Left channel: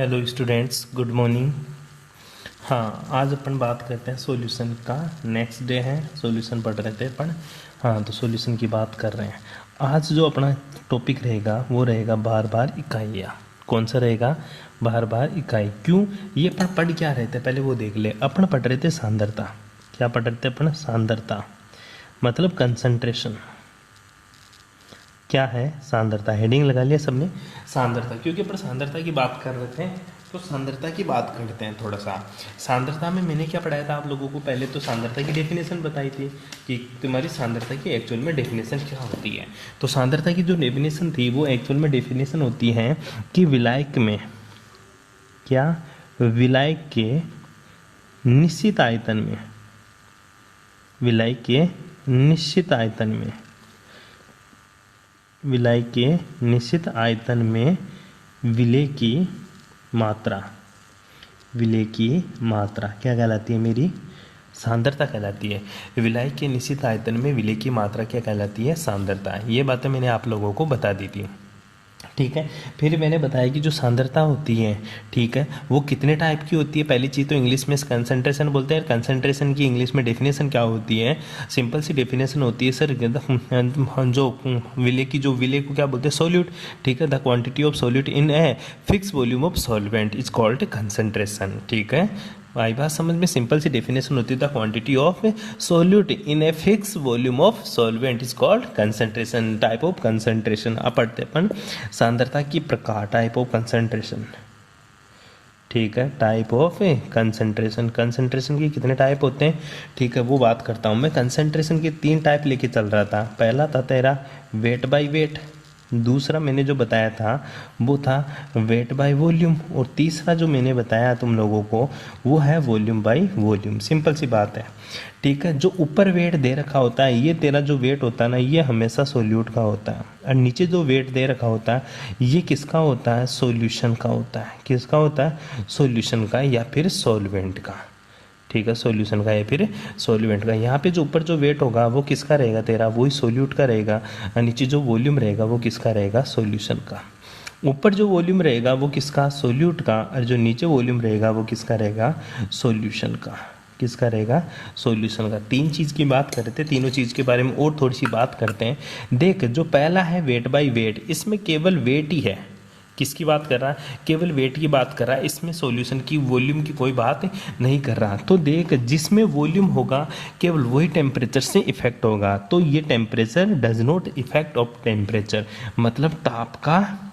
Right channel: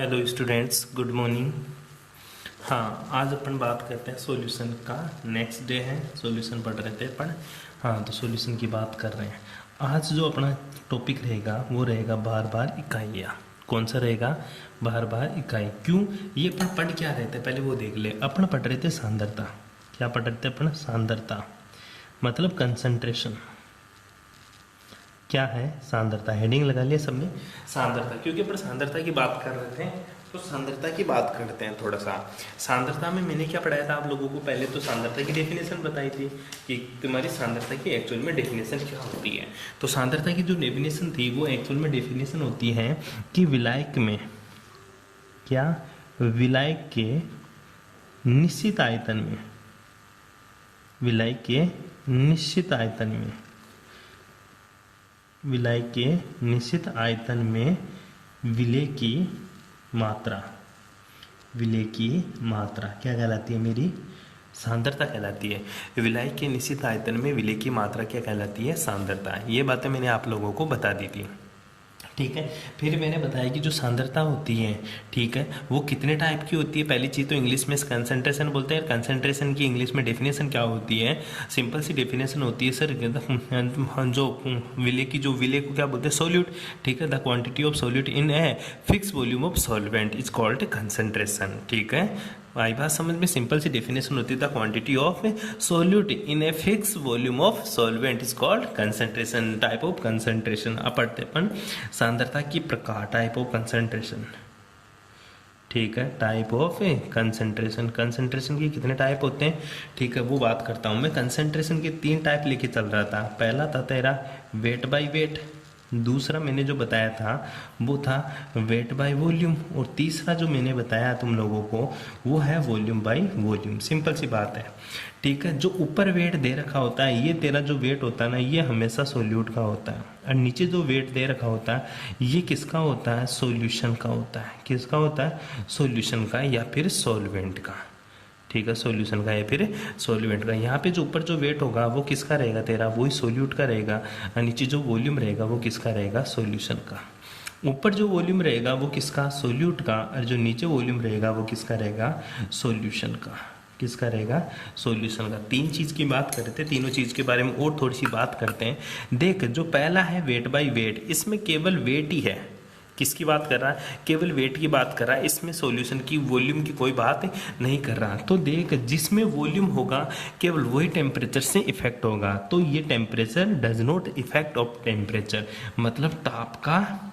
Hello students, good morning. हाँ, आज अपन बात करते हैं सॉल्यूशन का। नेक्स्ट डे है, सॉल्यूशन पढ़ रहे थे अपन। हाँ, तो सॉल्यूशन की बात कर रहे हैं। आज जो अपना टॉपिक रहेगा वो रहेगा बार बार इकाइयाँ। कौन सा रहेगा? बार बार इकाई। क्यों? ये अपन पढ़ क्या रहे थे पहले वो देख ले। अपन पढ़ रहे थे सांद्रता। क्या पढ़ रहे थे अपन? सांद्रता मतलब कंसंट्रेशन। क्या है? सांद्रता। हेडिंग लगा लिया सबने, सांद्रता। क्योंकि अपन सांद्रता की बात कर रहे थे तो सांद्रता की बात करते हैं थोड़ा सा। सांद्रता में मैंने क्या पढ़ाया था आप लोगों को? पहले तो सांद्रता की डेफिनेशन बताई थी कि तुम्हारी सांद्रता की एक्चुअल में डेफिनेशन क्या होती है। तो सांद्रता की जो डेफिनेशन थी वो एक्चुअल में डेफिनेशन होती है कि विलायक में क्या, विलायक के निश्चित आयतन में, विलायक के निश्चित आयतन में, विलायक के निश्चित आयतन में विलेय की मात्रा, विलेय की मात्रा क्या कहलाती है? मेरी सांद्रता कहलाती है। विलायक के निश्चित आयतन में विलेय की मात्रा क्या कहलाती है? सांद्रता। ये बातें मैंने आप लोगों को बता दी थी, ठीक है। फिर मैंने बताया कि जो सांद्रता होती है, ठीक है, वो कितने टाइप की होती है। पहली चीज़ तो इंग्लिश में कंसंट्रेशन बोलते हैं। कंसंट्रेशन की इंग्लिश में डेफिनेशन क्या होती है? सिंपल सी डेफिनेशन होती है सर, जो विलेय की, जो विलेय को क्या बोलते हैं? सोल्यूट, ठीक है। The quantity of solute in a fix volume of solvent is called concentration, ठीक है। आई बात समझ में? सिंपल सी डेफिनेशन होती है the quantity of solute in a fix volume of solvent is called concentration. Type of concentration. अब पढ़ते अपन सांद्रता की प्रकार, टाइप ऑफ कंसंट्रेशन, ठीक है। टाइप ऑफ कंसंट्रेशन, कंसंट्रेशन के कितने टाइप होते हैं, ठीक है, वो बात करता हूँ मैं। कंसंट्रेशन के 3 टाइप लेके चल रहा था। पहला था तेरा वेट बाय वेट, दूसरा मैंने जो बताया था वो था वेट बाय वॉल्यूम, और तीसरा जो मैंने बताया तुम लोगों को वो है वॉल्यूम बाय वॉल्यूम। सिंपल सी बात है, ठीक है। जो ऊपर वेट दे रखा होता है, ये तेरा जो वेट होता है ना, ये हमेशा सोल्यूट का होता है। और नीचे जो वेट दे रखा होता है ये किसका होता है? सॉल्यूशन का होता है। किसका होता है? सॉल्यूशन का या फिर सॉल्वेंट का, ठीक है। सॉल्यूशन का या फिर सॉल्वेंट का। यहाँ पे जो ऊपर जो वेट होगा वो किसका रहेगा? तेरा वही सॉल्यूट का रहेगा। और नीचे जो वॉल्यूम रहेगा वो किसका रहेगा? सॉल्यूशन का। ऊपर जो वॉल्यूम रहेगा वो किसका? सॉल्यूट का। और जो नीचे वॉल्यूम रहेगा वो किसका रहेगा? सॉल्यूशन का। किसका रहेगा? सॉल्यूशन का। 3 चीज़ की बात कर रहे थे, तीनों चीज़ के बारे में और थोड़ी सी बात करते हैं। देख, जो पहला है वेट बाय वेट, इसमें केवल वेट ही है। किसकी बात कर रहा है? केवल वेट की बात कर रहा है। इसमें सॉल्यूशन की, वॉल्यूम की कोई बात नहीं कर रहा। तो देख, जिसमें वॉल्यूम होगा केवल वही टेम्परेचर से इफेक्ट होगा। तो ये temperature does not effect of temperature, मतलब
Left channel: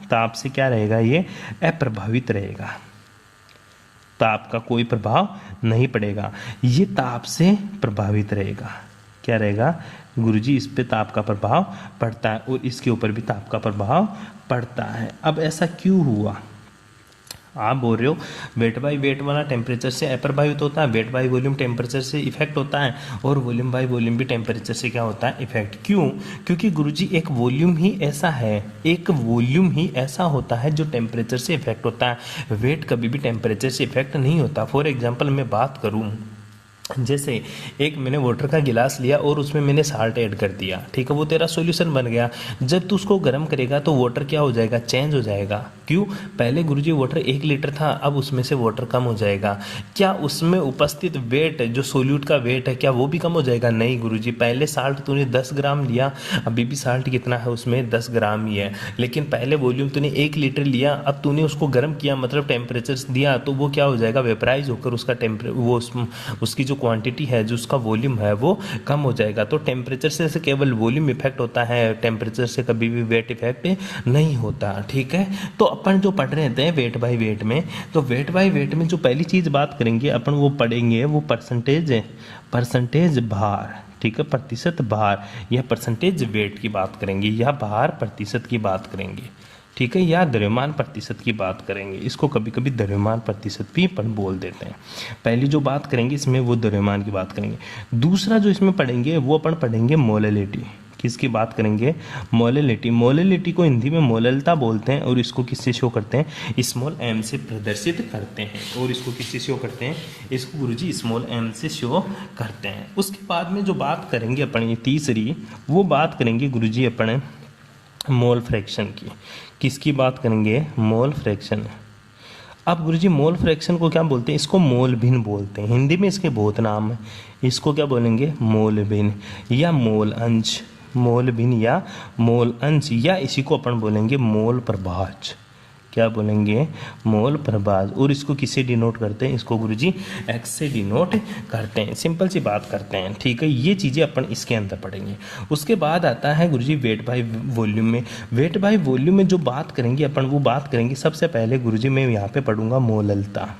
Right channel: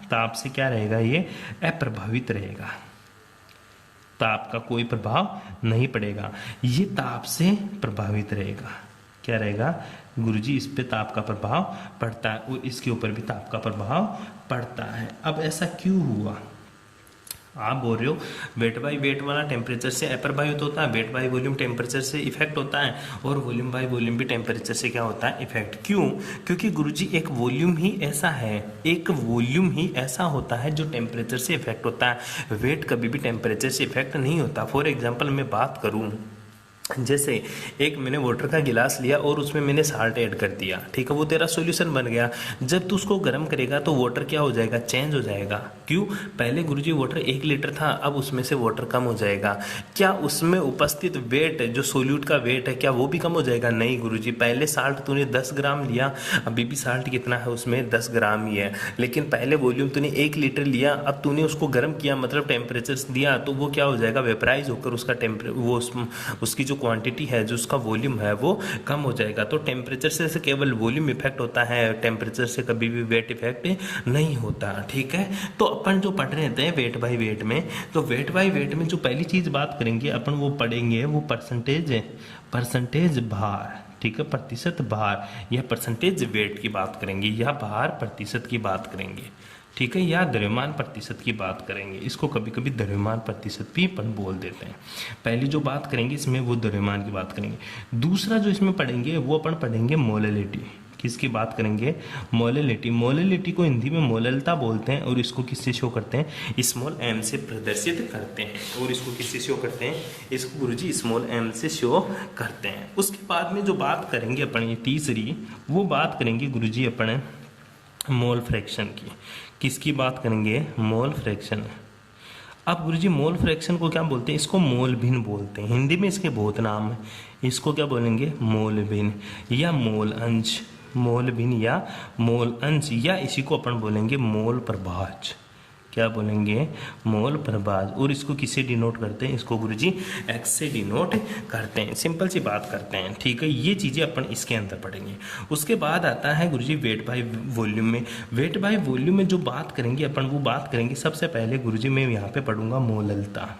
ताप से क्या रहेगा? ये अप्रभावित रहेगा। ताप का कोई प्रभाव नहीं पड़ेगा, ये ताप से प्रभावित रहेगा। क्या रहेगा गुरुजी? इस पे ताप का प्रभाव पड़ता है और इसके ऊपर भी ताप का प्रभाव पड़ता है। अब ऐसा क्यों हुआ? आप बोल रहे हो वेट बाय वेट वाला टेम्परेचर से अप्रभावित होता है, वेट बाय वॉल्यूम टेम्परेचर से इफेक्ट होता है, और वॉल्यूम बाय वॉल्यूम भी टेम्परेचर से क्या होता है? इफेक्ट। क्यों? क्योंकि गुरुजी एक वॉल्यूम ही ऐसा है, एक वॉल्यूम ही ऐसा होता है जो टेम्परेचर से इफेक्ट होता है। वेट कभी भी टेम्परेचर से इफेक्ट नहीं होता। फॉर एग्जाम्पल मैं बात करूँ, जैसे एक मैंने वाटर का गिलास लिया और उसमें मैंने साल्ट ऐड कर दिया, ठीक है, वो तेरा सॉल्यूशन बन गया। जब तू उसको गर्म करेगा तो वाटर क्या हो जाएगा? चेंज हो जाएगा। क्यों? पहले गुरुजी वाटर 1 लीटर था, अब उसमें से वाटर कम हो जाएगा। क्या उसमें उपस्थित वेट, जो सोल्यूट का वेट है, क्या वो भी कम हो जाएगा? नहीं गुरुजी, पहले साल्ट तूने 10 ग्राम लिया, अभी भी साल्ट कितना है उसमें? 10 ग्राम ही है। लेकिन पहले वॉल्यूम तूने 1 लीटर लिया, अब तूने उसको गर्म किया, मतलब टेम्परेचर दिया, तो वो क्या हो जाएगा? वेपराइज होकर उसका वो उसकी जो क्वांटिटी है, जो उसका वॉल्यूम है, वो कम हो जाएगा। तो टेम्परेचर से केवल वॉल्यूम इफेक्ट होता है, टेम्परेचर से कभी भी वेट इफेक्ट नहीं होता, ठीक है। तो अपन जो पढ़ रहे थे वेट बाय वेट में, तो वेट बाय वेट में जो पहली चीज बात करेंगे अपन, वो पढ़ेंगे वो परसेंटेज भार, ठीक है, प्रतिशत भार, या परसेंटेज वेट की बात करेंगे, या भार प्रतिशत की बात करेंगे, ठीक है, या द्रव्यमान प्रतिशत की बात करेंगे। इसको कभी कभी द्रव्यमान प्रतिशत भी अपन बोल देते हैं। पहली जो बात करेंगे इसमें वो द्रव्यमान की बात करेंगे। दूसरा जो इसमें पढ़ेंगे वो अपन पढ़ेंगे मोलैलिटी। किसकी बात करेंगे? मोलैलिटी। मोलैलिटी को हिंदी में मोललता बोलते हैं, और इसको किससे शो करते हैं? स्मॉल एम से प्रदर्शित करते हैं। और इसको किससे शो करते हैं? इसको गुरुजी स्मॉल एम से शो करते हैं। उसके बाद में जो बात करेंगे अपन, ये तीसरी, वो बात करेंगे गुरुजी अपन मोल फ्रैक्शन की। किसकी बात करेंगे? Mole fraction. अब गुरुजी मोल फ्रैक्शन को क्या बोलते हैं? इसको मोल भिन्न बोलते हैं। हिंदी में इसके बहुत नाम है। इसको क्या बोलेंगे? मोल भिन्न या मोल अंश, मोल भिन्न या मोल अंश, या इसी को अपन बोलेंगे मोल प्रभाज। क्या बोलेंगे? मोल प्रभाज। और इसको किससे डिनोट करते हैं? इसको गुरुजी एक्स से डिनोट करते हैं। सिंपल सी बात करते हैं, ठीक है। ये चीज़ें अपन इसके अंदर पढ़ेंगे। उसके बाद आता है गुरुजी वेट बाय वॉल्यूम में। वेट बाय वॉल्यूम में जो बात करेंगे अपन, वो बात करेंगे सबसे पहले गुरुजी मैं यहाँ पे पढ़ूंगा मोललता।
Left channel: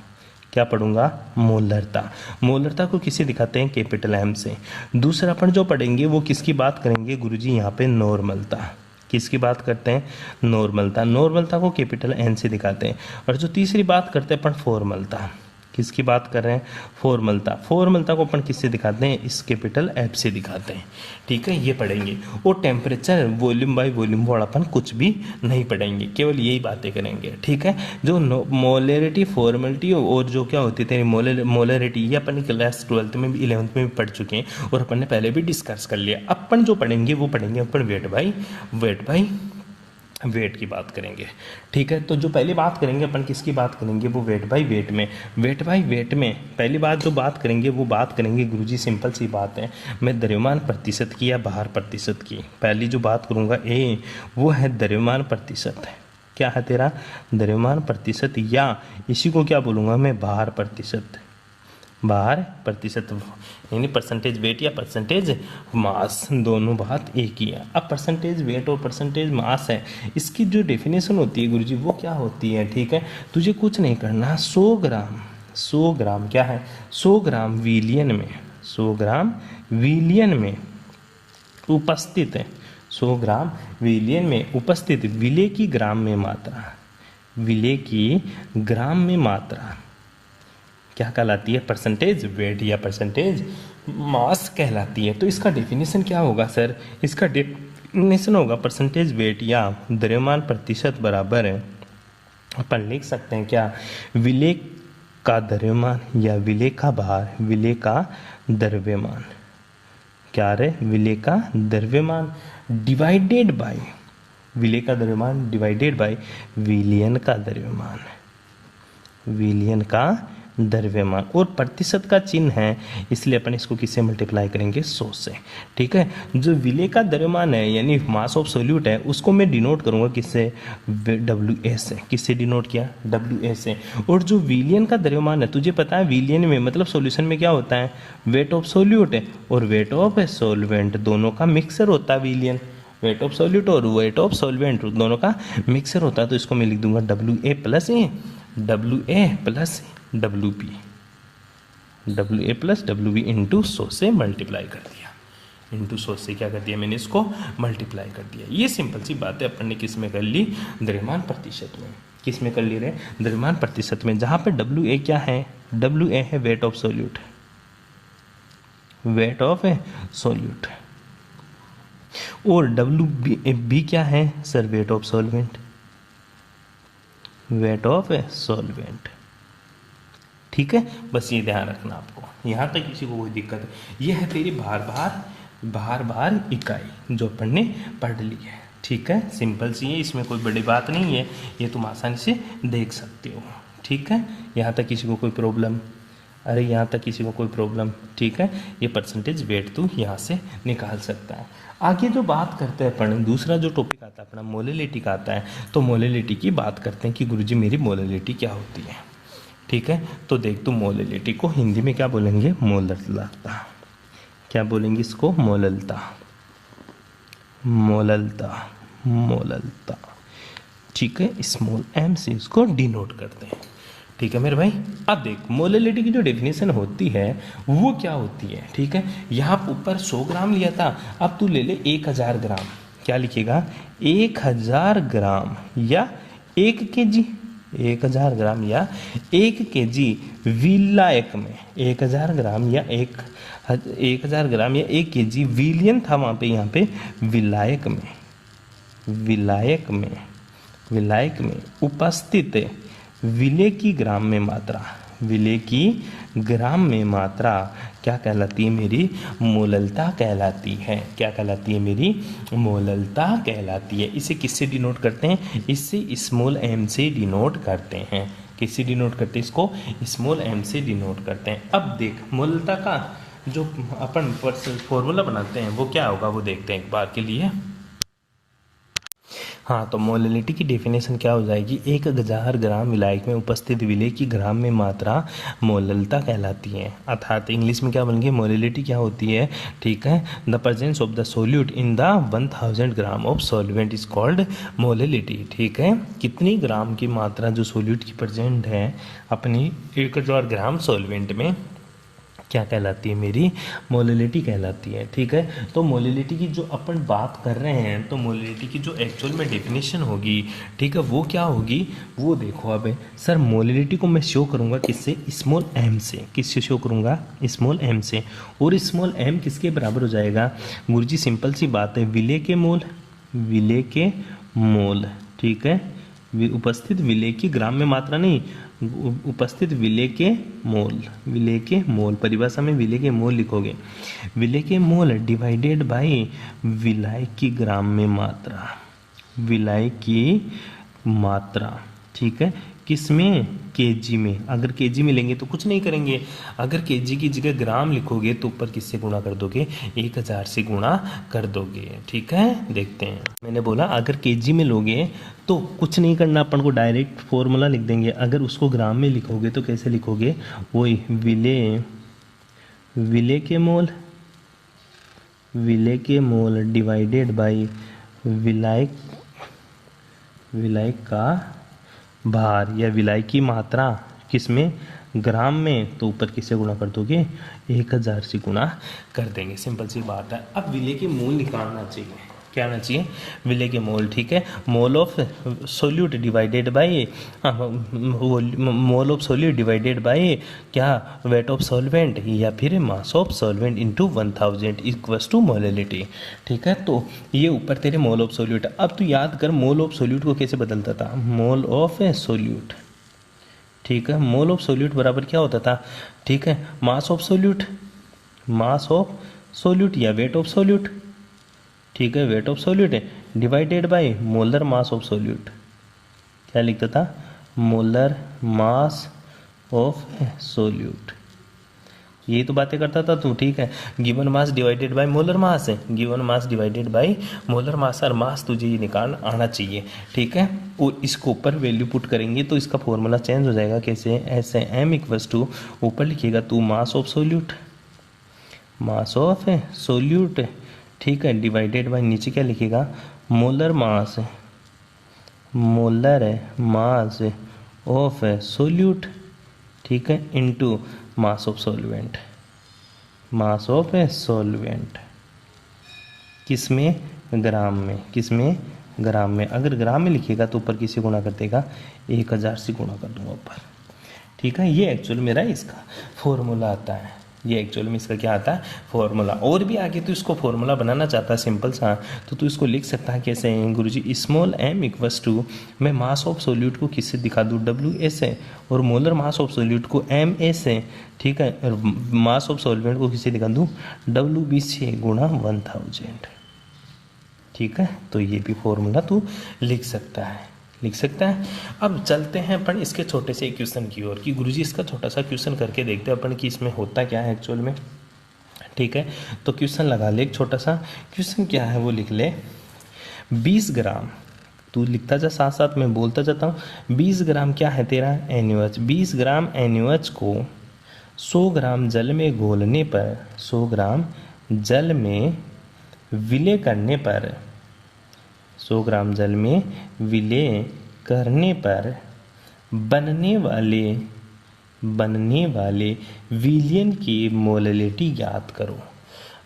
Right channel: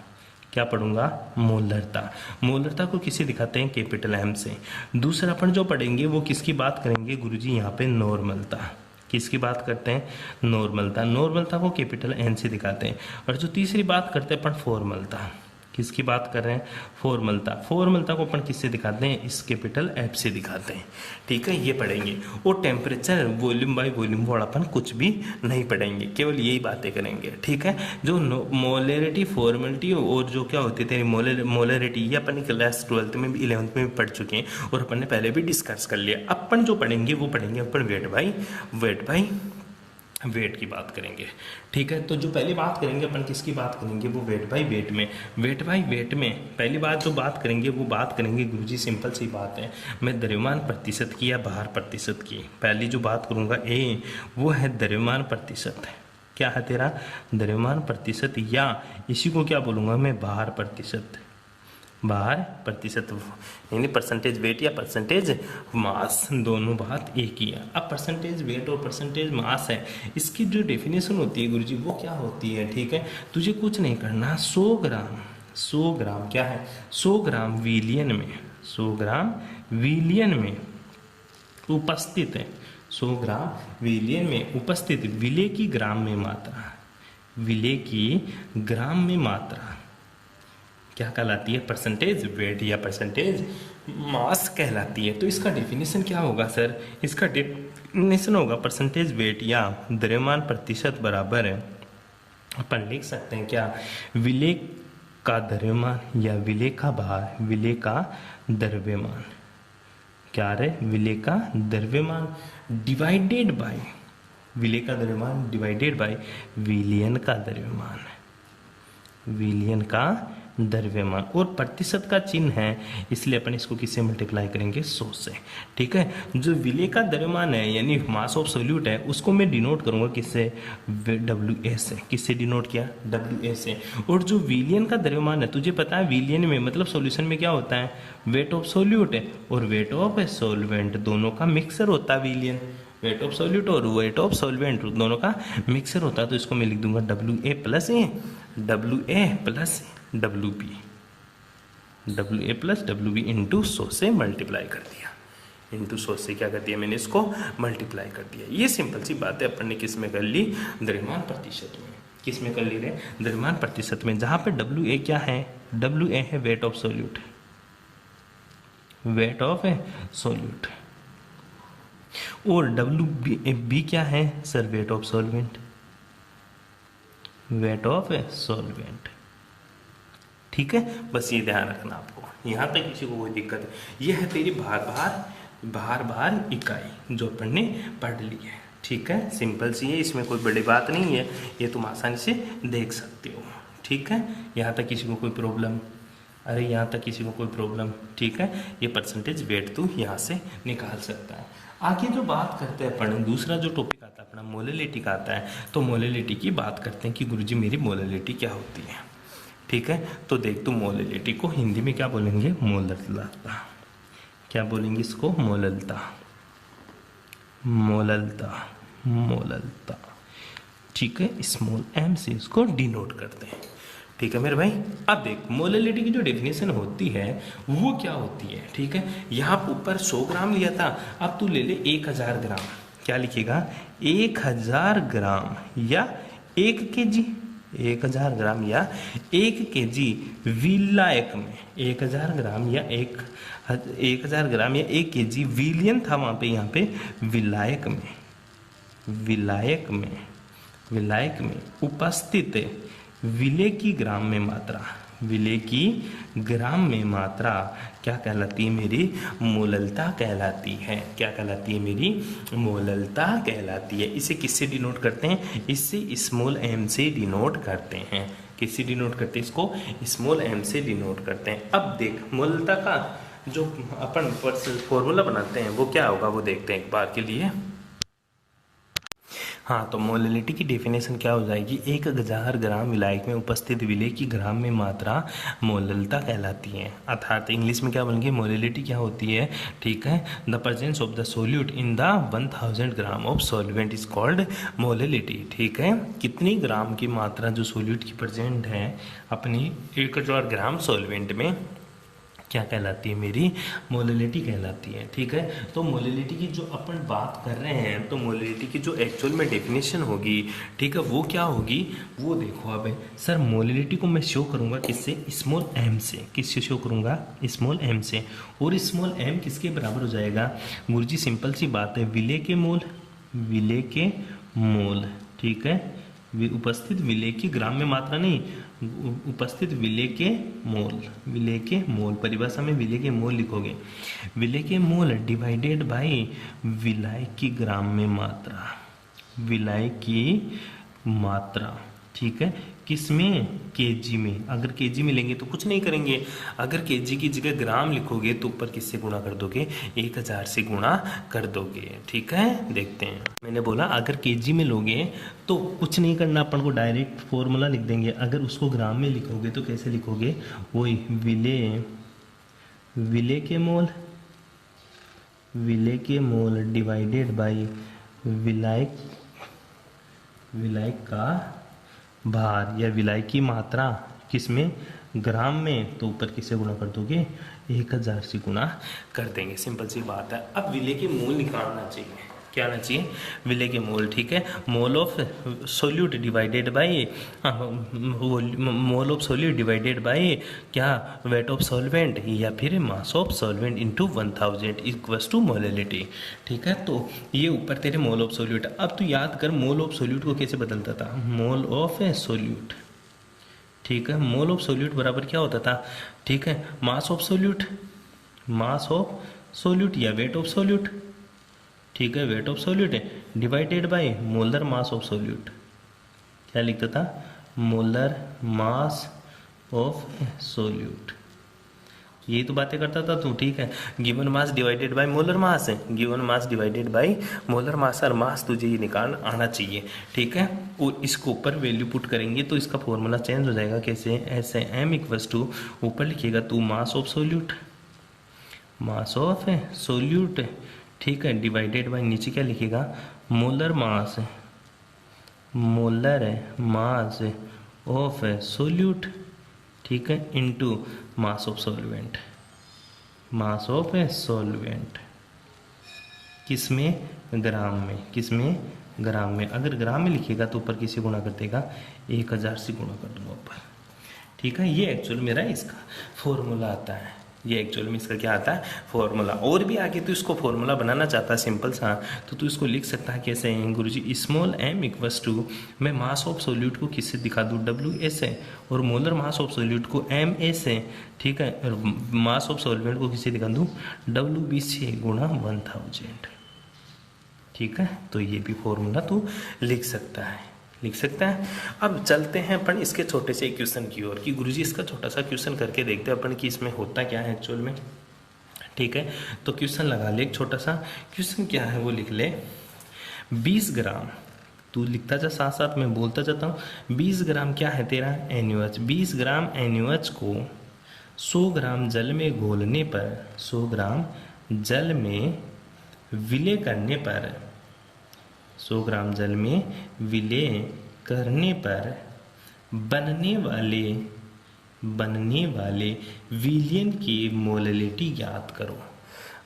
क्या पढ़ूंगा? मोलरता। मोलरता को किसे दिखाते हैं? कैपिटल एम से। दूसरा अपन जो पढ़ेंगे वो किसकी बात करेंगे गुरुजी? यहाँ पे नॉर्मलता। किसकी बात करते हैं? नॉर्मलता। नॉर्मलता को कैपिटल एन से दिखाते हैं। और जो तीसरी बात करते हैं अपन फॉर्मलता। किसकी बात कर रहे हैं? फॉर्मलता। फॉर्मलता को अपन किससे दिखाते हैं? इस कैपिटल एफ से दिखाते हैं, ठीक है। ये पढ़ेंगे। और temperature volume by volume word अपन कुछ भी नहीं पढ़ेंगे, केवल यही बातें करेंगे, ठीक है। जो मोलरिटी, फॉर्मलिटी और जो क्या होती थी मोलरिटी, ये अपन क्लास 12th में भी 11th में भी पढ़ चुके हैं और अपन ने पहले भी डिस्कस कर लिया। अपन जो पढ़ेंगे वो पढ़ेंगे अपन वेट बाय वेट की बात करेंगे, ठीक है। तो जो पहली बात करेंगे अपन किसकी बात करेंगे? वो वेट बाय वेट में। वेट बाय वेट में पहली बात जो बात करेंगे वो बात करेंगे गुरुजी, सिंपल सी बात है। मैं द्रव्यमान प्रतिशत की या भार प्रतिशत की पहली जो बात करूंगा वो है द्रव्यमान प्रतिशत। क्या है तेरा? द्रव्यमान प्रतिशत, या इसी को क्या बोलूंगा मैं? भार प्रतिशत। भार प्रतिशत यानी परसेंटेज वेट या परसेंटेज मास, दोनों बात एक ही है। अब परसेंटेज वेट और परसेंटेज मास है, इसकी जो डेफिनेशन होती है गुरुजी वो क्या होती है, ठीक है। तुझे कुछ नहीं करना, 100 ग्राम क्या है? 100 ग्राम विलियन में, 100 ग्राम विलियन में उपस्थित है, 100 ग्राम विलियन में उपस्थित विलेय की ग्राम में मात्रा, विलेय की ग्राम में मात्रा क्या कहलाती है? परसेंटेज वेट या परसेंटेज मास कहलाती है। तो इसका डेफिनेशन क्या होगा सर? इसका डेफिनेशन होगा परसेंटेज वेट या द्रव्यमान प्रतिशत बराबर है, अपन लिख सकते हैं क्या? विलेय का द्रव्यमान या विलेय का भार, विलेय का द्रव्यमान, क्या रे? विलेय का द्रव्यमान डिवाइडेड बाय, विलेय का द्रव्यमान डिवाइडेड बाय विलियन का द्रव्यमान, विलियन का द्रव्यमान। और प्रतिशत का चिन्ह है, इसलिए अपन इसको किससे मल्टीप्लाई करेंगे? 100 से, ठीक है। जो विलेय का द्रव्यमान है यानी मास ऑफ सोल्यूट है, उसको मैं डिनोट करूंगा किससे? WA से। किससे डिनोट किया? WA से। और जो विलियन का द्रव्यमान है, तुझे पता है विलियन में मतलब सॉल्यूशन में क्या होता है? वेट ऑफ सोल्यूट है और वेट ऑफ सॉल्वेंट, दोनों का मिक्सर होता है विलियन। वेट ऑफ सॉल्यूट और वेट ऑफ सॉल्वेंट दोनों का मिक्सर होता है। तो इसको मैं लिख दूंगा WA plus WB, WA plus WB into 100 से मल्टीप्लाई कर दिया, इंटू 100 से क्या कर दिया मैंने? इसको मल्टीप्लाई कर दिया। ये सिंपल सी बात है, अपन ने किस में कर ली? द्रव्यमान प्रतिशत में। किस में कर ली रे? द्रव्यमान प्रतिशत में, जहां पे WA क्या है? WA है weight of solute, weight of solute. और WB क्या है sir? Wait of solvent, wait of solvent, ठीक है। बस ये ध्यान रखना आपको, यहाँ तक किसी को कोई दिक्कत है? ये है तेरी भार इकाई जो अपन ने पढ़ ली है, ठीक है। सिंपल सी है, इसमें कोई बड़ी बात नहीं है, ये तुम आसानी से देख सकते हो, ठीक है। यहाँ तक किसी को कोई प्रॉब्लम? अरे यहाँ तक किसी को कोई प्रॉब्लम? ठीक है। ये परसेंटेज वेट तू यहाँ से निकाल सकता है। आगे जो बात करते हैं अपन, दूसरा जो टॉपिक आता है अपना मोलरिटी का आता है। तो मोलरिटी की बात करते हैं कि गुरुजी मेरी मोलरिटी क्या होती है, ठीक है। तो देख तू मोलरिटी को हिंदी में क्या बोलेंगे? मोललता। क्या बोलेंगे इसको? मोललता, मोललता, मोललता, ठीक है। स्मॉल m से इसको डिनोट करते हैं, ठीक है मेरे भाई। अब देख मोलरिटी की जो डेफिनेशन होती है वो क्या होती है, ठीक है। यहाँ ऊपर 100 ग्राम लिया था, अब तू ले ले 1000 ग्राम। क्या लिखेगा? 1000 ग्राम या 1 kg, 1000 ग्राम या 1 kg विलायक में, 1000 ग्राम या 1000 ग्राम या 1 kg विलियन था वहाँ पे, यहाँ पे विलायक में, विलायक में, विलायक में उपस्थित विलेय की ग्राम में मात्रा, विलेय की ग्राम में मात्रा क्या कहलाती है? मेरी मोललता कहलाती है। क्या कहलाती है? मेरी मोललता कहलाती है। इसे किससे डिनोट करते हैं? इससे स्मॉल m से डिनोट करते हैं, किससे डिनोट करते हैं, इसको स्मॉल m से डिनोट करते हैं। अब देख मोलता का जो अपन फॉर्मूला बनाते हैं वो क्या होगा वो देखते हैं एक बार के लिए। हाँ, तो मोलिलिटी की डेफिनेशन क्या हो जाएगी, 1000 ग्राम विलायक में उपस्थित विलेय की ग्राम में मात्रा मोललता कहलाती है। अर्थात इंग्लिश में क्या बन गई, मोलिलिटी क्या होती है, ठीक है, the presence of the solute in the 1000 gram of solvent is called molality. ठीक है, कितनी ग्राम की मात्रा जो सोल्यूट की प्रेजेंट है अपनी 1000 ग्राम सॉल्वेंट में क्या कहलाती है, मेरी मोलिलिटी कहलाती है। ठीक है, तो मोलिलिटी की जो अपन बात कर रहे हैं, तो मोलिलिटी की जो एक्चुअल में डेफिनेशन होगी, ठीक है, वो क्या होगी वो देखो। अब सर मोलिलिटी को मैं शो करूंगा किससे, स्मॉल m से। किससे शो करूंगा, स्मॉल m से। और स्मॉल m किसके बराबर हो जाएगा गुरुजी, सिंपल सी बात है, विलेय के मोल, विलेय के मोल। ठीक है, उपस्थित विलेय की ग्राम में मात्रा नहीं, उपस्थित विलेय के मोल, विलेय के मोल, परिभाषा में विलेय के मोल लिखोगे, विलेय के मोल डिवाइडेड बाय विलाय की ग्राम में मात्रा, विलाय की मात्रा। ठीक है, किसमें, केजी में। अगर केजी में लेंगे तो कुछ नहीं करेंगे, अगर केजी की जगह ग्राम लिखोगे तो ऊपर किससे गुणा कर दोगे, 1000 से गुणा कर दोगे। ठीक है, देखते हैं, मैंने बोला अगर केजी में लोगे तो कुछ नहीं करना, अपन को डायरेक्ट फॉर्मूला लिख देंगे। अगर उसको ग्राम में लिखोगे तो कैसे लिखोगे, वही विलेय, विलेय के मोल, विलेय के मोल डिवाइडेड बाय विलायक, विलायक का भार या विलाय की मात्रा, किसमें, ग्राम में, तो ऊपर किससे गुणा कर दोगे, 1000 से गुणा कर देंगे। सिंपल सी बात है। अब विलेय के मोल निकालना चाहिए, क्या आना चाहिए, विलेय के मोल। ठीक है, mole of solute divided by, mole of solute divided by क्या, वेट ऑफ सॉल्वेंट या फिर mass of solvent into 1000 equals to molality. ठीक है, तो ये ऊपर तेरे मोल ऑफ सोल्यूट। अब तू याद कर मोल ऑफ सोल्यूट को कैसे बदलता था, मोल ऑफ सोल्यूट। ठीक है, मोल ऑफ सोल्यूट बराबर क्या होता था, ठीक है, mass of solute, mass of solute या वेट ऑफ सोल्यूट। ठीक है, वेट ऑफ सोल्यूट है divided by molar mass of solute. क्या लिखता था, मोलर मास ऑफ सोल्यूट। ये तो बातें करता था तू। ठीक है, given mass divided by molar mass है, given mass divided by molar mass, और मास तुझे ये निकाल आना चाहिए। ठीक है, और इसको ऊपर वैल्यू पुट करेंगे तो इसका फॉर्मूला चेंज हो जाएगा, कैसे, ऐसे m इक्वल्स टू, ऊपर लिखेगा तू mass of solute, mass of solute. ठीक है, डिवाइडेड बाय नीचे क्या लिखेगा, molar mass, molar mass of solute. ठीक है, into mass of solvent, mass of solvent, किसमें, ग्राम में, किसमें, ग्राम में। अगर ग्राम में लिखेगा तो ऊपर किससे गुणा कर देगा, 1000 से गुणा कर दूंगा ऊपर। ठीक है, ये एक्चुअल मेरा इसका फॉर्मूला आता है, ये एक्चुअल में इसका क्या आता है, फॉर्मूला। और भी आगे तो इसको फॉर्मूला बनाना चाहता है सिंपल सा, तो तू इसको लिख सकता है कैसे, गुरुजी, स्मॉल m इक्वल्स टू, मैं मास ऑफ सोल्यूट को किससे दिखा दूँ, WS है, और मोलर मास ऑफ सोल्यूट को MS है। ठीक है, और मास ऑफ सॉल्वेंट को किससे दिखा दूँ, WB से गुणा 1000। ठीक है, तो ये भी फॉर्मूला तू लिख सकता है, लिख सकता है। अब चलते हैं अपन इसके छोटे से क्वेश्चन की ओर, कि गुरुजी इसका छोटा सा क्वेश्चन करके देखते हैं अपन कि इसमें होता क्या है एक्चुअल में। ठीक है, तो क्वेश्चन लगा ले, एक छोटा सा क्वेश्चन क्या है वो लिख ले। 20 ग्राम, तू लिखता जा साथ साथ मैं बोलता जाता हूँ। 20 ग्राम क्या है तेरा, NaOH। 20 ग्राम NaOH को 100 ग्राम जल में घोलने पर, 100 ग्राम जल में विलय करने पर, 100 ग्राम जल में विलय करने पर बनने वाले विलयन की मोलिलिटी ज्ञात करो।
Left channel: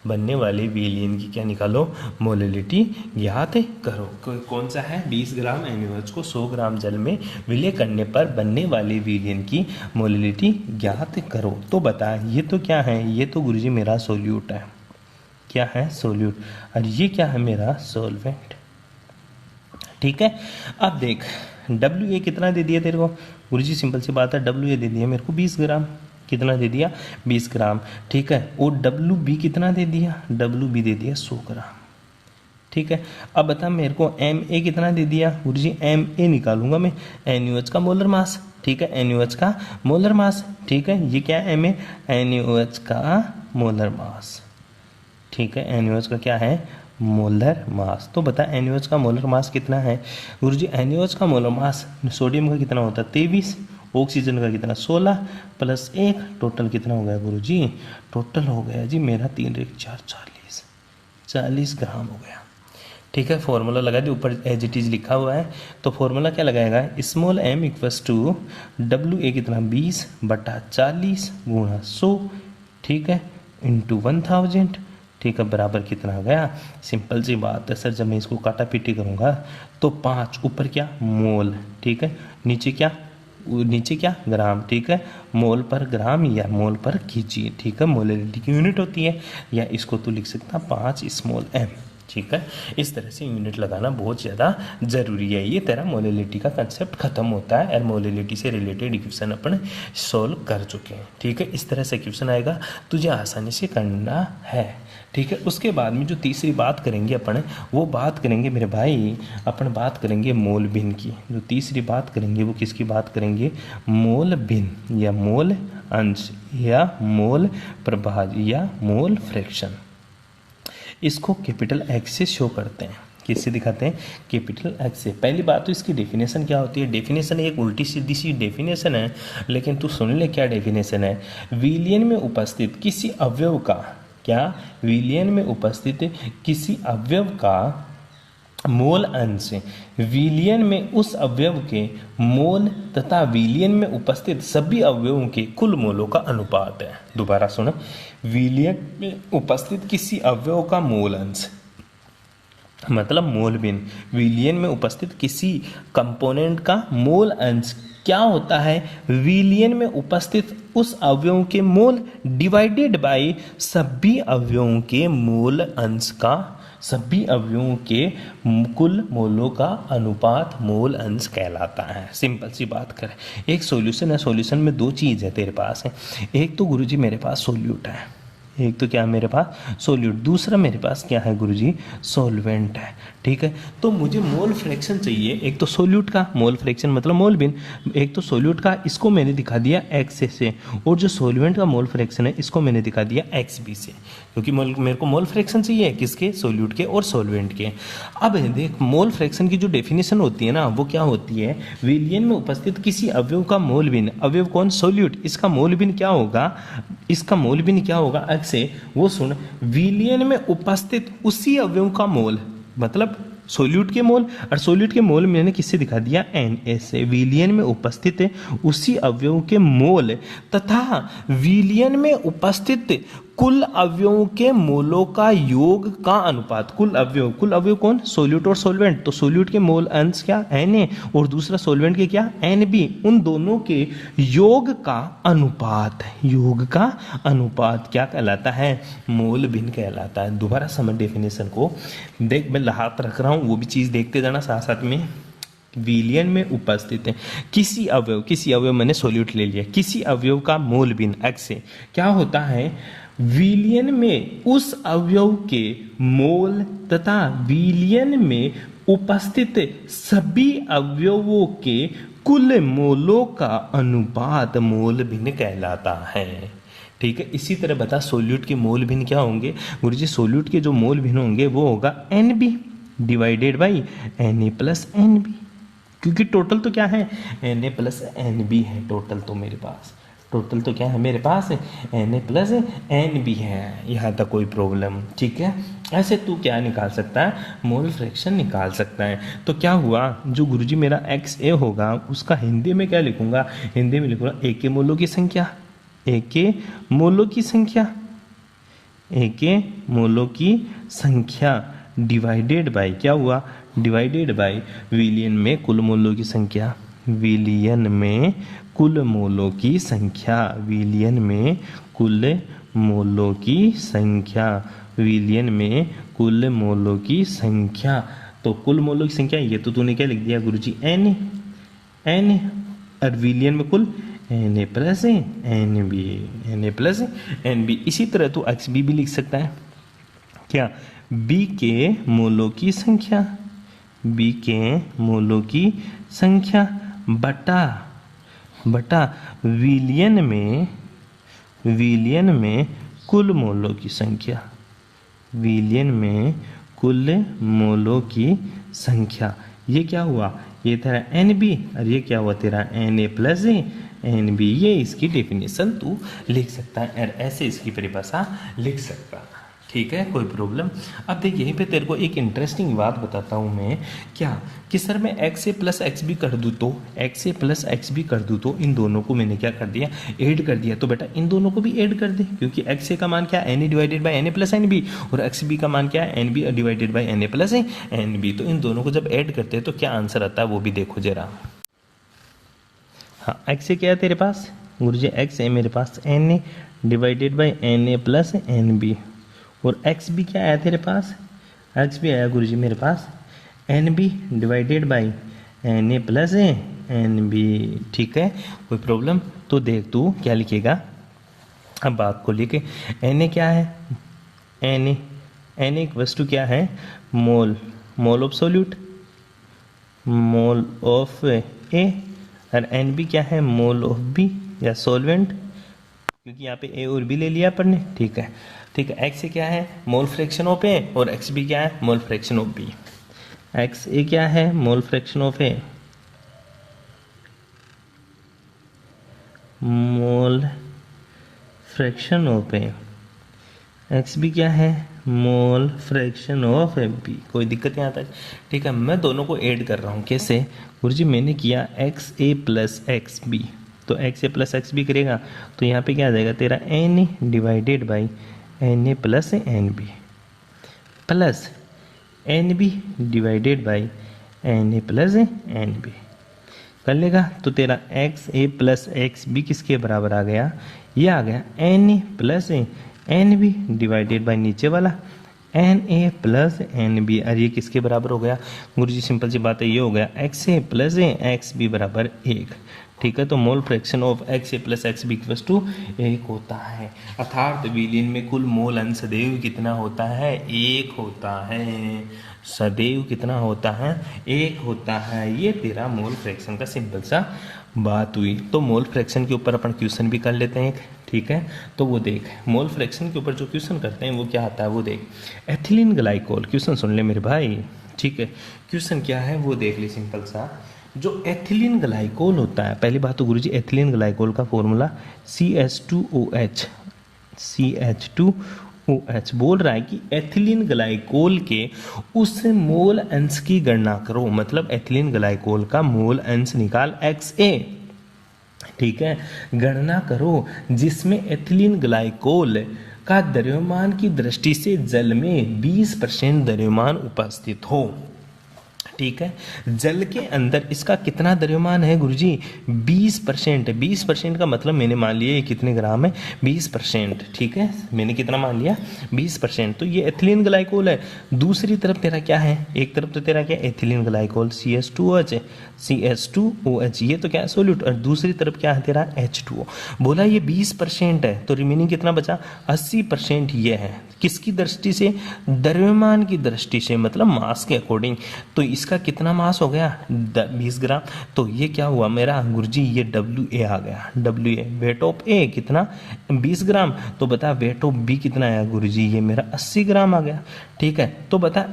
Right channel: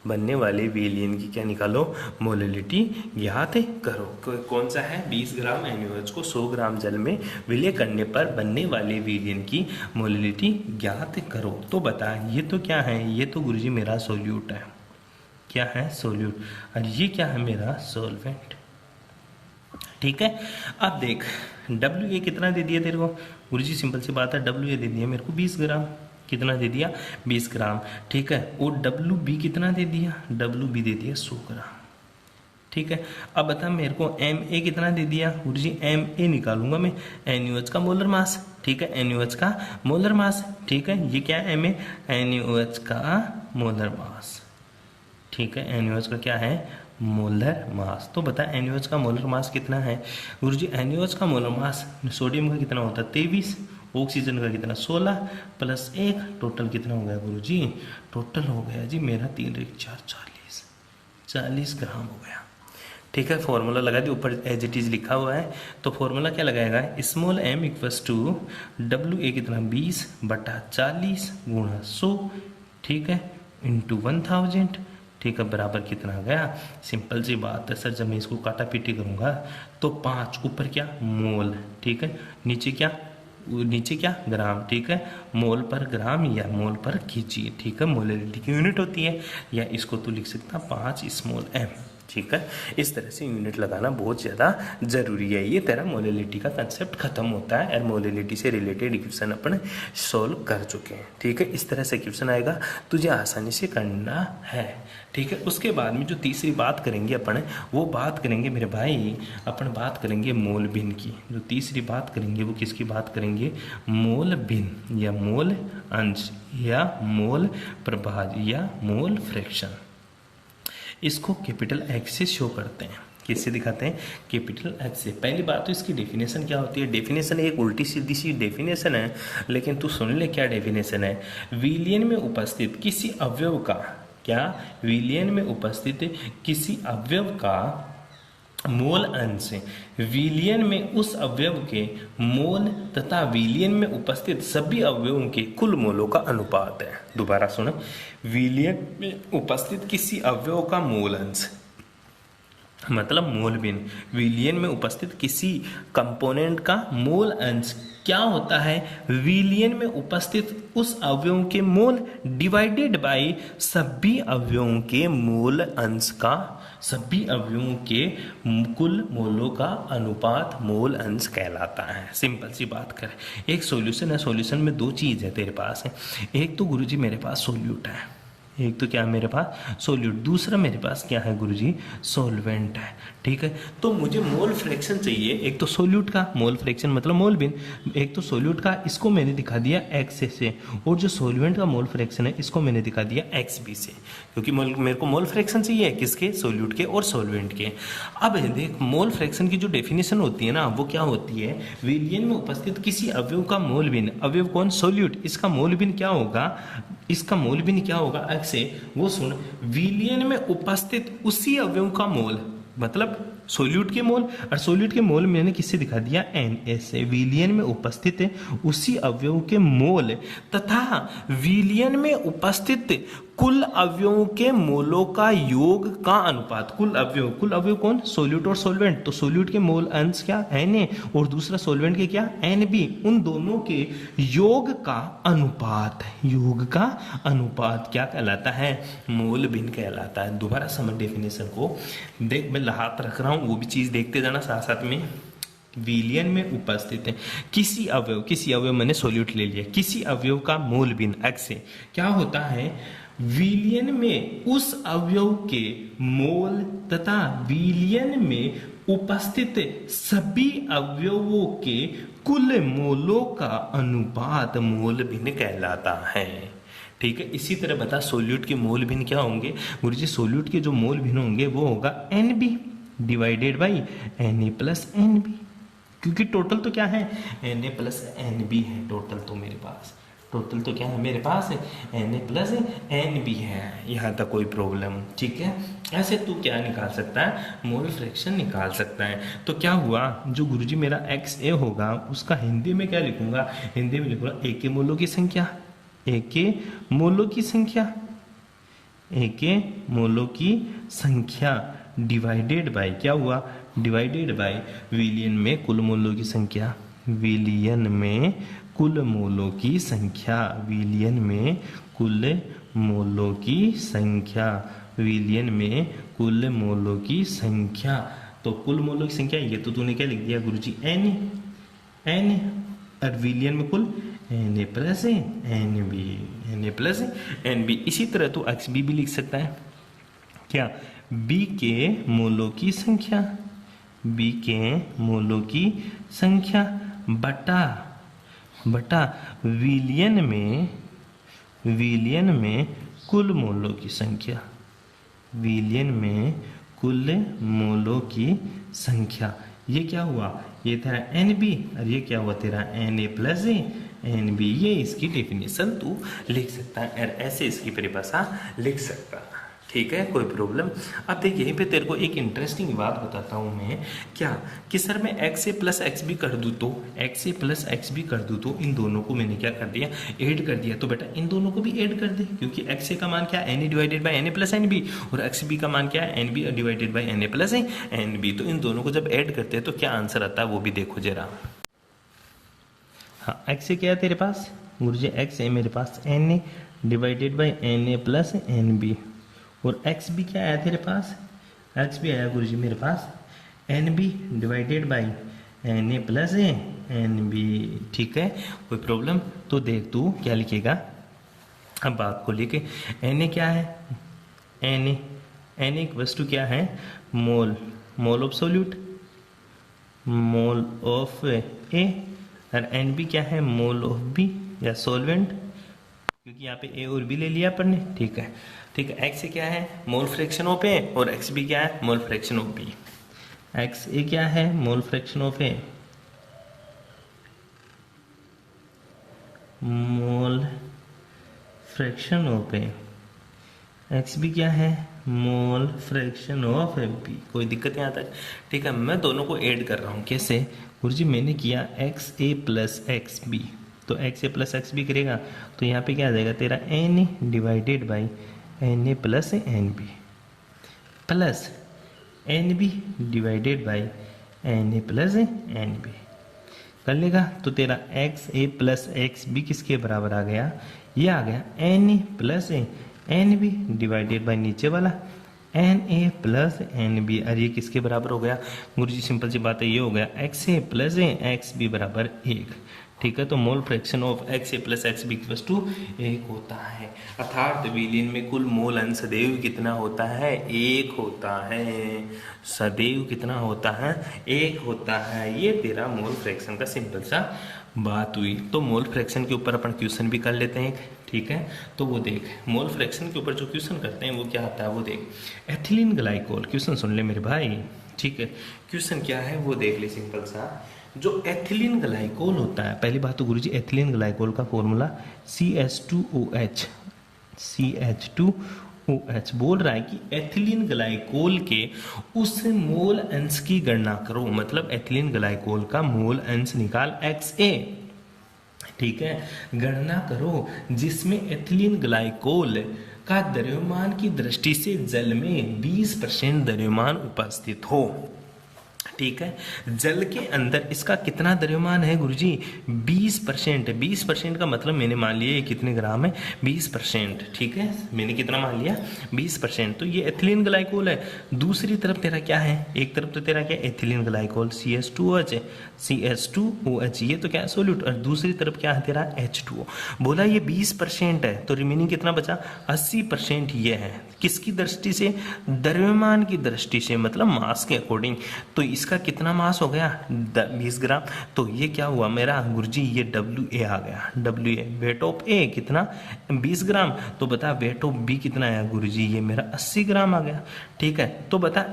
बनने वाले विलयन की क्या निकालो, मोलिलिटी ज्ञात करो। कौन सा है, 20 ग्राम NaOH को 100 ग्राम जल में विलय करने पर बनने वाले विलयन की मोलिलिटी ज्ञात करो। तो बता, ये तो क्या है, ये तो गुरुजी मेरा सोल्यूट है, क्या है, सोल्यूट, और ये क्या है, मेरा सॉल्वेंट। ठीक है, अब देख WA कितना दे दिया तेरे को, गुरुजी सिंपल सी बात है, WA दे दिया मेरे को 20 ग्राम, कितना दे दिया, 20 ग्राम। ठीक है, और WB कितना दे दिया, WB दे दिया 100 ग्राम। ठीक है। अब बता मेरे को एम ए कितना दे दिया गुरुजी, एम ए निकालूंगा मैं NaOH का मोलर मास, ठीक है, NaOH का मोलर मास, ठीक है। ये क्या है एम ए, NaOH का मोलर मास, ठीक है, NaOH का क्या है मोलर मास। तो बता NaOH का मोलर मास कितना है गुरुजी, NaOH का मोलर मास सोडियम का कितना होता है 23, ऑक्सीजन का कितना 16 प्लस 1, टोटल कितना हो गया गुरुजी, टोटल हो गया जी मेरा 3 × 4 40 ग्राम हो गया, ठीक है। फॉर्मूला लगा दी, ऊपर एज इट इज लिखा हुआ है, तो फॉर्मूला क्या लगाएगा, small m equals to WA कितना 20/40 × 100, ठीक है, इंटू 1000, ठीक है, बराबर कितना आ गया, सिंपल सी बात है सर, जब मैं इसको काटा पीटी करूंगा तो 5 ऊपर क्या मोल, ठीक है, नीचे क्या ग्राम, ठीक है, मोल पर ग्राम या मोल पर कीजिए, ठीक है, मोलैलिटी की यूनिट होती है, या इसको तो लिख सकता 5 स्मॉल m, ठीक है। इस तरह से यूनिट लगाना बहुत ज़्यादा जरूरी है। ये तेरा मोलैलिटी का कंसेप्ट खत्म होता है और मोलैलिटी से रिलेटेड इक्वेशन अपन सोल्व कर चुके हैं, ठीक है। इस तरह से क्वेश्चन आएगा, तुझे आसानी से करना है, ठीक है। उसके बाद में जो तीसरी बात करेंगे अपन, वो बात करेंगे मेरे भाई, अपन बात करेंगे मोल बिन की। जो तीसरी बात करेंगे वो किसकी बात करेंगे, मोल बिन या मोल अंश या मोल प्रभाग या मोल फ्रैक्शन। इसको कैपिटल एक्स से शो करते हैं, किससे दिखाते हैं, कैपिटल एक्स से। पहली बात तो इसकी डेफिनेशन क्या होती है, डेफिनेशन एक उल्टी सीधी सी डेफिनेशन है, लेकिन तू सुन ले क्या डेफिनेशन है। विलयन में उपस्थित किसी अवयव का, क्या, विलयन में उपस्थित किसी अवयव का मोल अंश विलयन में उस अवयव के मोल तथा विलयन में उपस्थित सभी अवयवों के कुल मोलों का अनुपात है। दोबारा सुनो, विलयन में उपस्थित किसी अवयव का मोल अंश मतलब मोल बिन, विलयन में उपस्थित किसी कंपोनेंट का मोल अंश क्या होता है, विलयन में उपस्थित उस अवयव के मोल डिवाइडेड बाय सभी अवयवों के मोल अंश का, सभी अवयवों के कुल मोलों का अनुपात मोल अंश कहलाता है। सिंपल सी बात करें, एक सॉल्यूशन है, सॉल्यूशन में दो चीज़ है तेरे पास है, एक तो गुरुजी मेरे पास सोल्यूट है, एक तो क्या मेरे पास सोल्यूट, दूसरा मेरे पास क्या है गुरुजी सॉल्वेंट है, ठीक है। तो मुझे मोल फ्रैक्शन चाहिए, एक तो सोल्यूट का मोल फ्रैक्शन मतलब मोल बिन, एक तो सोल्यूट का, इसको मैंने दिखा दिया एक्स से, और जो सॉल्वेंट का मोल फ्रैक्शन है इसको मैंने दिखा दिया एक्स बी से, क्योंकि मेरे को मोल फ्रैक्शन चाहिए किसके, सोल्यूट के और सॉल्वेंट के। अब देख, मोल फ्रैक्शन की जो डेफिनेशन होती है ना वो क्या होती है, विलयन में उपस्थित किसी अवयव का मोल बिन, अवयव कौन सोल्यूट, इसका मोल बिन क्या होगा, इसका मोल बिन क्या होगा एक्स से, वो सुन, विलयन में उपस्थित उसी अवयव का मोल मतलब सोल्यूट के मोल, और सोल्यूट के मोल मैंने किससे दिखा दिया Na से, विलयन में उपस्थित है उसी अवयव के मोल तथा विलयन में उपस्थित कुल अवयवों के मोलों का योग का अनुपात, कुल अवयव कौन, सोल्यूट और सॉल्वेंट, तो सोल्यूट के मोल अंश क्या Na और दूसरा सॉल्वेंट के क्या Nb, उन दोनों के योग का अनुपात, योग का अनुपात क्या कहलाता है, मोल बिन कहलाता है। दोबारा समझ डेफिनेशन को, देख मैं हाथ रख रहा हूँ, वो भी चीज देखते जाना साथ साथ में। विलयन में उपस्थित है किसी अवयव मैंने सोल्यूट ले लिया, किसी अवयव का मोल बिन एक्स से क्या होता है, विलयन में उस अवयव के मोल तथा विलयन में उपस्थित सभी अवयवों के कुल मोलों का अनुपात मोल बिन कहलाता है, ठीक है। इसी तरह बता सोल्यूट के मोल भिन्न क्या होंगे गुरुजी, सोल्यूट के जो मोल भिन्न होंगे वो होगा Nb divided by Na plus Nb, क्योंकि टोटल तो क्या है Na प्लस Nb है, टोटल तो मेरे पास, टोटल तो क्या है मेरे पास है Na प्लस Nb है, यहाँ तक कोई प्रॉब्लम, ठीक है। ऐसे तू क्या निकाल सकता है, मोल फ्रैक्शन निकाल सकता है। तो क्या हुआ, जो गुरुजी मेरा XA होगा उसका हिंदी में क्या लिखूंगा, हिंदी में लिखूंगा A के मोलों की संख्या, A के मोलों की संख्या, A के मोलों की संख्या डिवाइडेड बाय क्या हुआ, डिवाइडेड बाय विलयन में कुल मोलों की संख्या, विलयन में कुल मोलों की संख्या, विलयन में कुल मोलों की संख्या, विलयन में कुल मोलों की संख्या। तो कुल मोलों की संख्या ये तो तूने क्या लिख दिया गुरुजी n, और विलयन में कुल Na plus Nb, Na plus Nb। इसी तरह तो XB भी लिख सकता है, क्या, बी के मोलों की संख्या, बी के मोलों की संख्या बटा विलियन में कुल मोलों की संख्या, विलियन में कुल मोलों की संख्या। ये क्या हुआ, ये तेरा NB और ये क्या हुआ तेरा Na प्लस NB। ये इसकी डेफिनेशन तू लिख सकता है और ऐसे इसकी परिभाषा लिख सकता है। ठीक है, कोई प्रॉब्लम। अब देख यहीं पे तेरे को एक इंटरेस्टिंग बात बताता हूँ मैं, क्या कि सर मैं XA प्लस XB कर दूँ तो, XA प्लस XB कर दूँ तो इन दोनों को मैंने क्या कर दिया, ऐड कर दिया। तो बेटा इन दोनों को भी ऐड कर दे, क्योंकि XA का मान क्या है Na divided by Na plus NB और XB का मान क्या है NB divided by Na plus NB। तो इन दोनों को जब ऐड करते हैं तो क्या आंसर आता है वो भी देखो जरा। हाँ, XA क्या है तेरे पास गुरुजी, XA मेरे पास Na divided by Na plus NB और XB क्या आया तेरे पास, XB आया गुरुजी मेरे पास NB divided by Na plus NB। ठीक है, कोई प्रॉब्लम। तो देख तू क्या लिखेगा, अब बात को लेके Na क्या है, Na एक वस्तु क्या है, mole of solute, mole of A और NB क्या है, मोल ऑफ B या सॉल्वेंट, क्योंकि यहाँ पे A और B ले लिया अपन ने। ठीक है, X क्या है, मोल फ्रैक्शन ऑफ A और XB क्या है, मोल फ्रैक्शन ऑफ B। XA क्या है, मोल fraction of A, mole fraction of A। XB क्या है, मोल फ्रैक्शन ऑफ B। कोई दिक्कत यहाँ तक। ठीक है, मैं दोनों को ऐड कर रहा हूँ। कैसे गुरुजी, मैंने किया XA प्लस XB, तो XA प्लस XB करेगा तो यहाँ पे क्या आ जाएगा तेरा Na divided by Na plus NB plus NB divided by Na plus NB कर लेगा। तो तेरा XA प्लस XB किसके बराबर आ गया, ये आ गया Na plus NB divided by नीचे वाला Na प्लस NB। और ये किसके बराबर हो गया गुरुजी, सिंपल सी बात है, ये हो गया XA प्लस XB बराबर 1। ठीक है, तो mole fraction of XA plus XB equals to 1 होता है। अर्थात विलियन में कुल मोल अंश सदैव कितना होता है, 1 होता है। सदैव कितना होता है, 1 होता है। ये तेरा मोल फ्रैक्शन का सिंपल सा बात हुई। तो मोल फ्रैक्शन के ऊपर अपन क्वेश्चन भी कर लेते हैं। ठीक है, तो वो देख, मोल फ्रैक्शन के ऊपर जो क्वेश्चन करते हैं वो क्या आता है वो देख। एथिलीन ग्लाइकोल, क्वेश्चन सुन ले मेरे भाई। ठीक है, क्वेश्चन क्या है वो देख ले, सिंपल सा। जो एथिलीन ग्लाइकोल होता है, पहली बात तो गुरुजी एथिलीन ग्लाइकोल का फॉर्मूला CH2OH, CH2OH बोल रहा है कि एथिलीन ग्लाइकोल के उस मोल अंश की गणना करो, मतलब एथिलीन ग्लाइकोल का मोल अंश निकाल XA। ठीक है, गणना करो जिसमें एथिलीन ग्लाइकोल का द्रव्यमान की दृष्टि से जल में 20% द्रव्यमान उपस्थित हो। ठीक है, जल के अंदर इसका कितना द्रव्यमान है गुरुजी, 20%। 20% का मतलब मैंने मान लिया ये कितने ग्राम है, 20%। ठीक है, मैंने कितना मान लिया, 20%। तो ये एथिलीन ग्लाइकोल है। दूसरी तरफ तेरा क्या है, एक तरफ तो तेरा क्या एथिलीन ग्लाइकोल CH2OH, CH2OH ये तो क्या है सोल्यूट, और दूसरी तरफ क्या है तेरा H2O। बोला ये 20% है, तो रिमेनिंग कितना बचा, 80% ये है। किसकी दृष्टि से, द्रव्यमान की दृष्टि से, मतलब मास के अकॉर्डिंग। तो इसका कितना मास हो गया, 20 ग्राम। तो ये क्या हुआ मेरा गुरुजी, ये WA आ गया, WA वेट ऑफ A कितना, 20 ग्राम। तो बता वेट ऑफ B कितना आया गुरुजी, ये मेरा 80 ग्राम आ गया। ठीक है, तो बता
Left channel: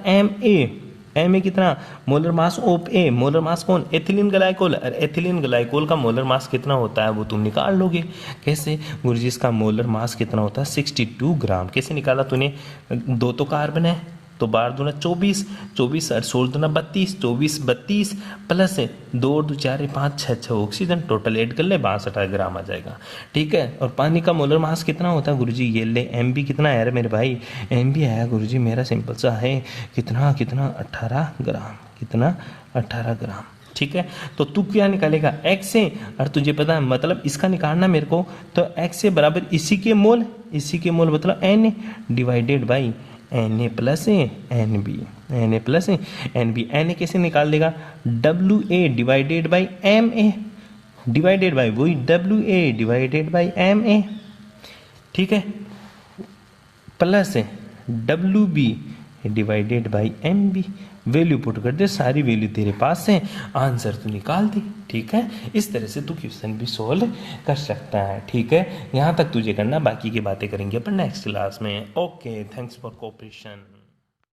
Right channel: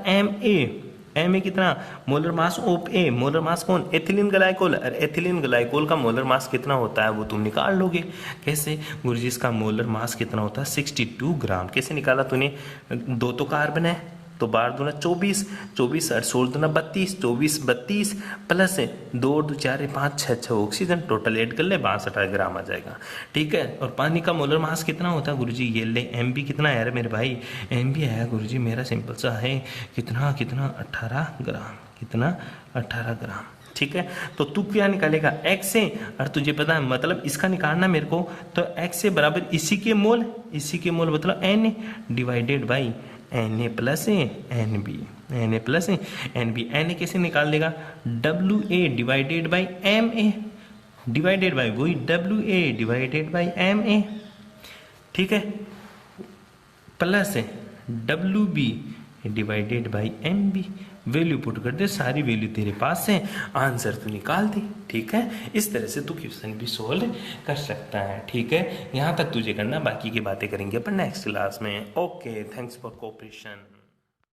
MA कितना, molar mass of A, molar mass कौन, एथिलीन ग्लाइकोल। और एथिलीन ग्लाइकोल का मोलर मास कितना होता है वो तुम निकाल लोगे। कैसे गुरुजी, इसका मोलर मास कितना होता है 62 ग्राम। कैसे निकाला तूने, 2 तो कार्बन है तो 12 दूना 24, 24 और 16 दूना 32, 24 प्लस 2 2 4 5 6 ऑक्सीजन, टोटल ऐड कर ले 62 ग्राम आ जाएगा। ठीक है, और पानी का मोलर मास कितना होता है गुरुजी, ये ले MB कितना आया मेरे भाई, MB आया गुरुजी मेरा सिंपल सा है कितना 18 ग्राम, कितना 18 ग्राम। ठीक है, तो तू क्या निकालेगा XA, और तुझे पता है मतलब इसका निकालना मेरे को, तो XA बराबर इसी के मोल मतलब Na divided by Na plus NB, Na plus NB। Na कैसे निकाल देगा, WA divided by MA divided by वही WA डिवाइडेड बाई MA। ठीक है, plus WB divided by M B. Value put कर दे, सारी वैल्यू तेरे पास है, आंसर तू निकाल दे। ठीक है, इस तरह से तू क्वेश्चन भी सोल्व कर सकता है। ठीक है, यहाँ तक तुझे करना, बाकी की बातें करेंगे अपन नेक्स्ट क्लास में। Okay, thanks for cooperation.